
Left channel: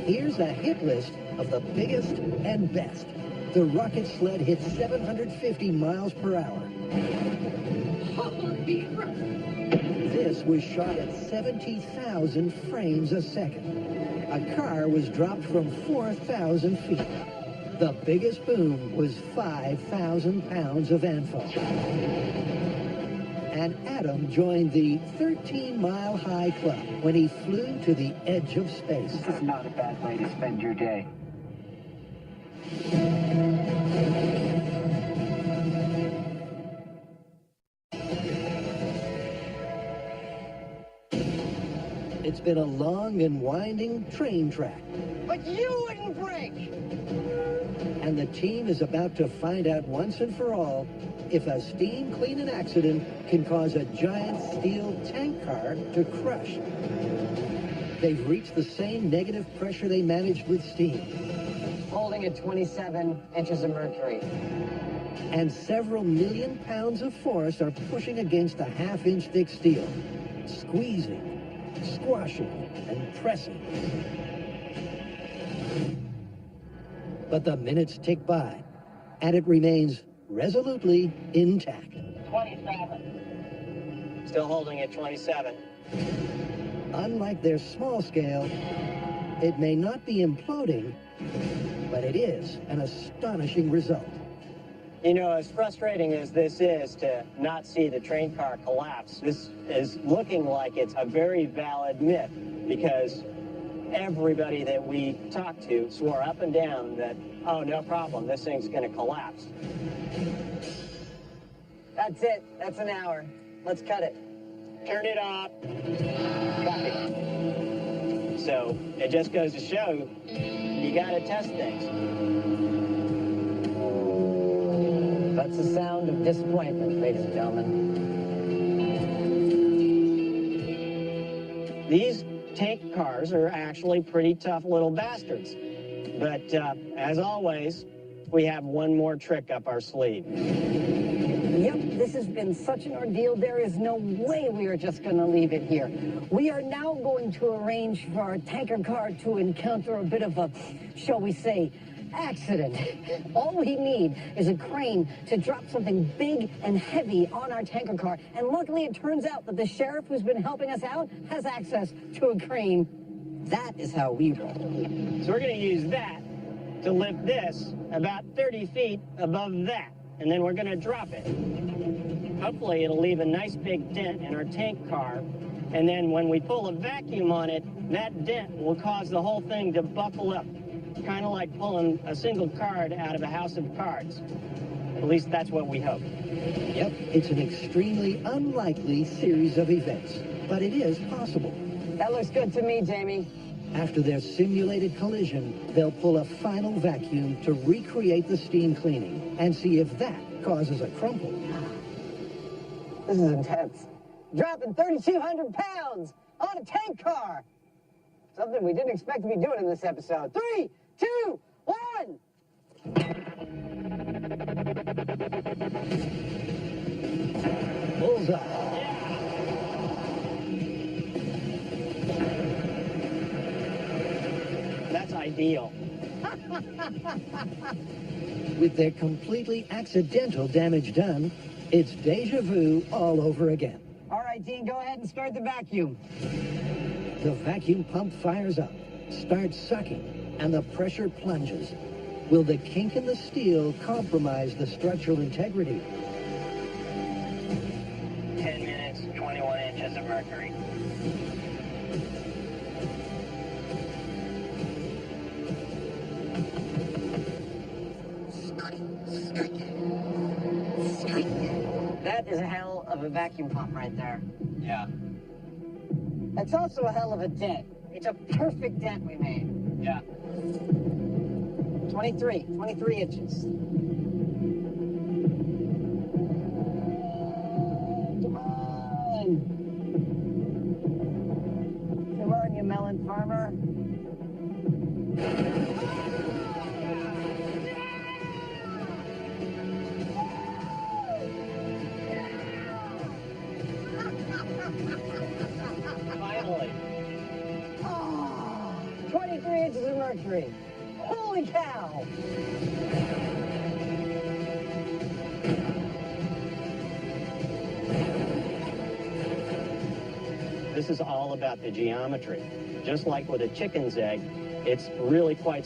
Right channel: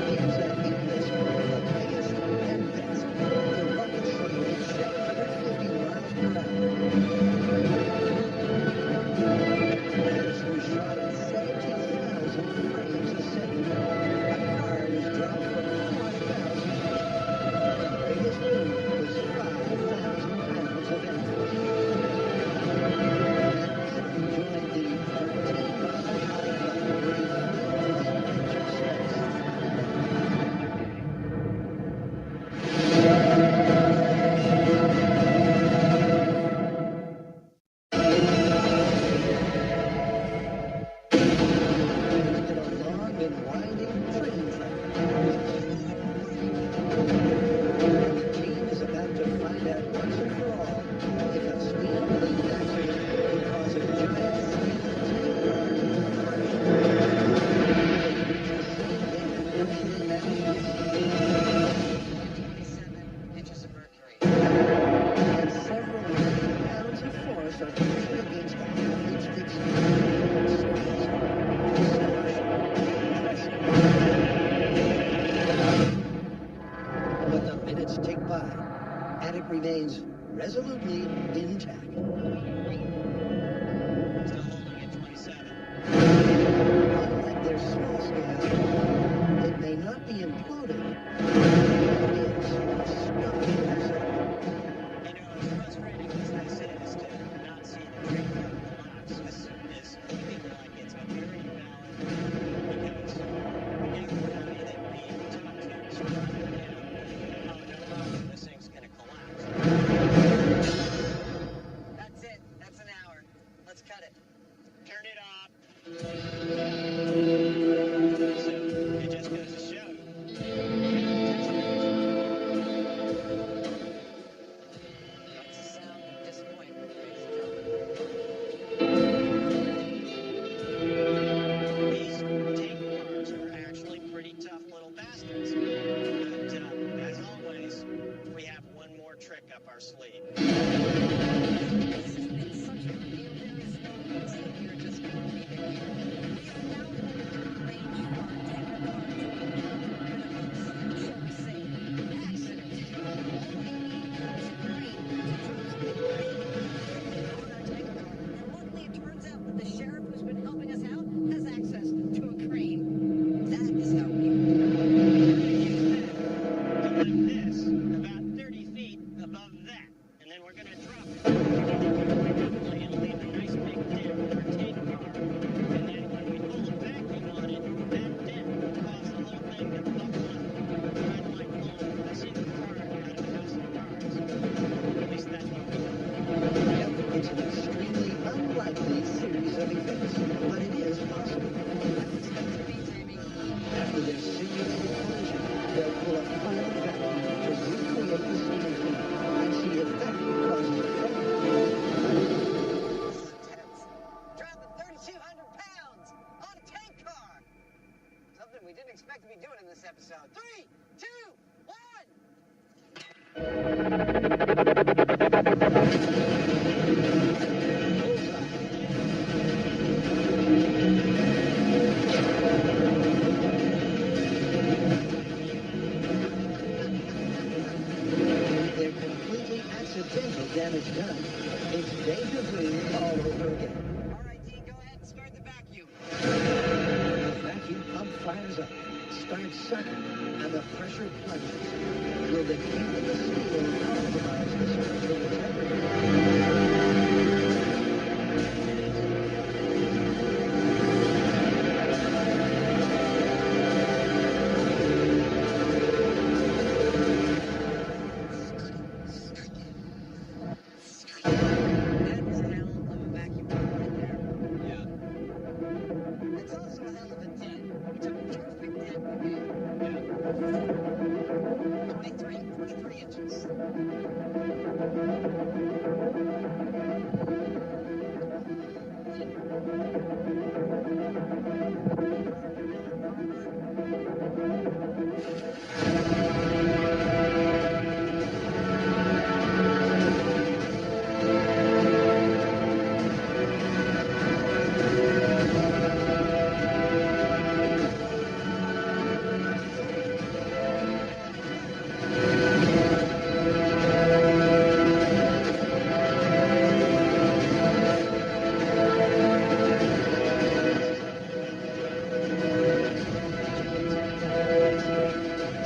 Here's a hit list of the biggest and best. The rocket sled hit 750 miles per hour. This was shot at 17,000 frames a second. A car was dropped from 4,000 feet. The biggest boom was 5,000 pounds of amphibia. And Adam joined the 13-mile-high club when he flew to the edge of space. It's not a bad way to spend your day. It's been a long and winding train track. But you wouldn't break! And the team is about to find out once and for all if a steam-related accident can cause a giant steel tank car to crush. They've reached the same negative pressure they managed with steam. Holding at 27 inches of mercury. And several million pounds of force are pushing against a half-inch thick steel. Squeezing, squashing, pressing. But the minutes tick by, and it remains resolutely intact. 27. Still holding at 27. Unlike their small scale, it may not be imploding, but it is an astonishing result. You know, as frustrating as this is to not see the train car collapse, this is looking like it's a very valid myth because everybody that we talked to swore up and down that, oh, no problem, this thing's going to collapse. That's it. That's an hour. Let's cut it. Turn it off. So it just goes to show you got to test things. That's the sound of disappointment, ladies and gentlemen. These tank cars are actually pretty tough little bastards. But as always, we have one more trick up our sleeve. Yep, this has been such an ordeal. There is no way we are just going to leave it here. We are now going to arrange for our tanker car to encounter a bit of a, shall we say, accident. All we need is a crane to drop something big and heavy on our tanker car. And luckily, it turns out that the sheriff who's been helping us out has access to a crane. That is how we roll. So we're going to use that to lift this about 30 feet above that. And then we're going to drop it. Hopefully, it'll leave a nice big dent in our tank car. And then when we pull a vacuum on it, that dent will cause the whole thing to buckle up. Kind of like pulling a single card out of a house of cards. At least that's what we hope. Yep, it's an extremely unlikely series of events, but it is possible. That looks good to me, Jamie. After their simulated collision, they'll pull a final vacuum to recreate the steam clean and see if that causes a problem. This is intense. Dropping 3,200 pounds on a tank car. Something we didn't expect to be doing in this episode. 3, 2, 1. Bullseye. That's ideal. With their completely accidental damage done, it's deja vu all over again. All right, Dean, go ahead and start the vacuum. The vacuum pump fires up, starts sucking, and the pressure plunges. Will the kink in the steel compromise the structural integrity? 10 minutes, 21 inches of mercury. That is a hell of a vacuum pump right there. Yeah. It's also a hell of a dent. It's a perfect dent we made. Yeah. 23 inches. Come on, you melon farmer.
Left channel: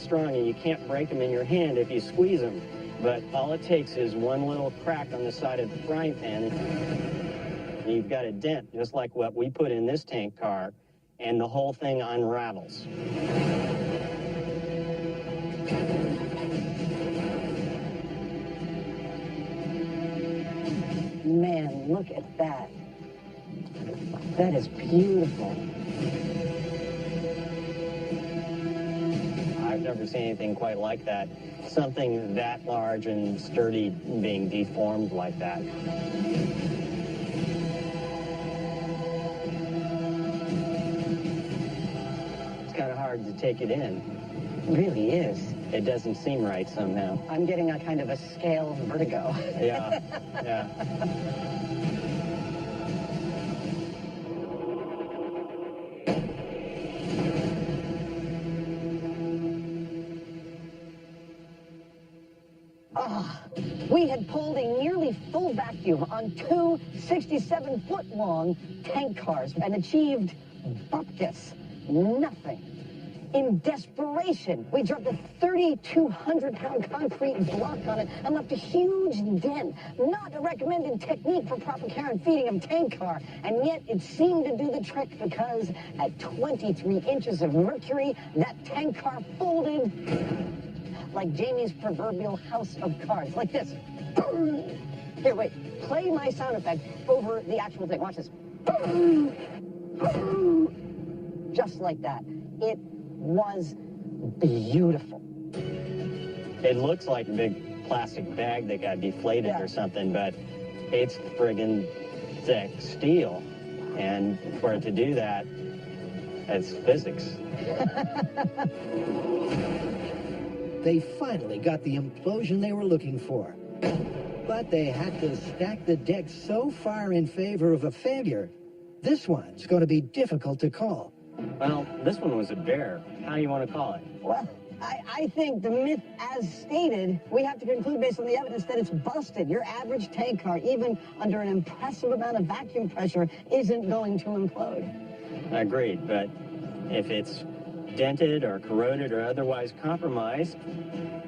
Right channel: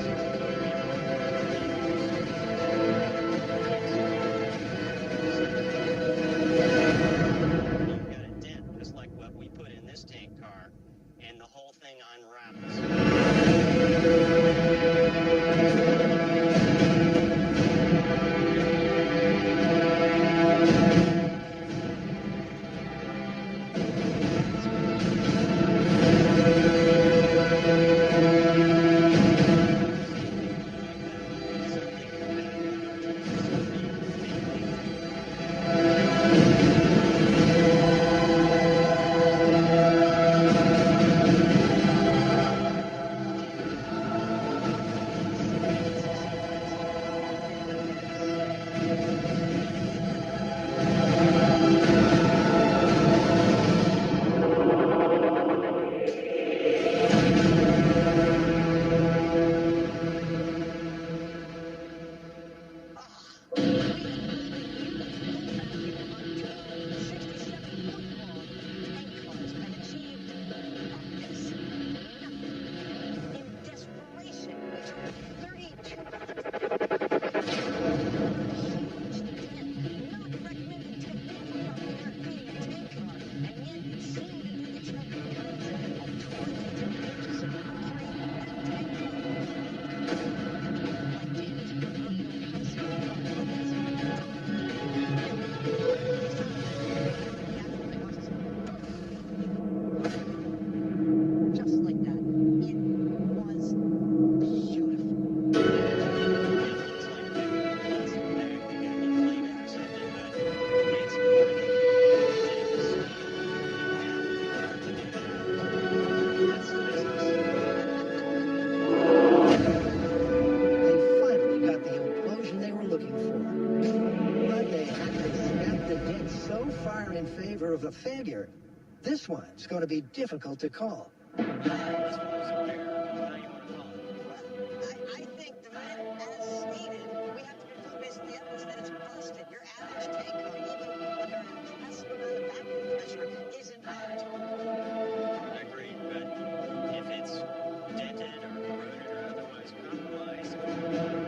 strong and you can't break them in your hand if you squeeze them. But all it takes is one little crack on the side of the frying pan. And you've got a dent, just like what we put in this tank car, and the whole thing unravels. Man, look at that. That is beautiful. I've never seen anything quite like that. Something that large and sturdy being deformed like that. It's kind of hard to take it in. It really is. It doesn't seem right somehow. I'm getting that kind of a stale vertigo. Yeah. Yeah. We had pulled a nearly full vacuum on two 67-foot-long tank cars and achieved, fuck this, nothing. In desperation, we dropped a 3,200-pound concrete block on it and left a huge dent. Not a recommended technique for proper care and feeding of a tank car, and yet it seemed to do the trick because at 23 inches of mercury, that tank car folded like Jamie's proverbial house of cards, like this. Boom! Here, wait, play my sound effect over the actual thing. Watch this. Boom! Boom! Just like that. It was beautiful. It looks like a big plastic bag that got deflated or something, but it's friggin' thick steel. And for it to do that, that's physics. They finally got the implosion they were looking for. But they had to stack the deck so far in favor of a failure, this one's going to be difficult to call. Well, this one was a bear. How do you want to call it? Well, I think the myth as stated, we have to conclude based on the evidence that it's busted. Your average tank car, even under an impressive amount of vacuum pressure, isn't going to implode. Agreed, but if it's dented or corroded or otherwise compromised,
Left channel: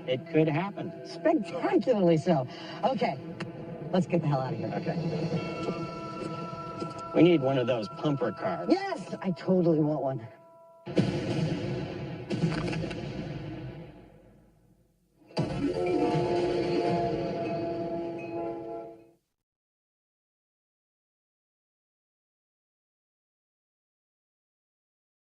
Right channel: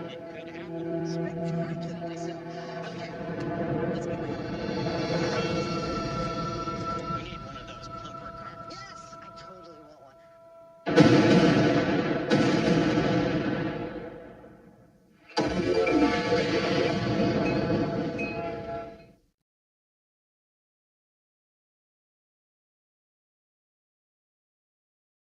it could happen. Spectacularly so. Okay, let's get the hell out of here. We need one of those pumper cars. Yes, I totally want one.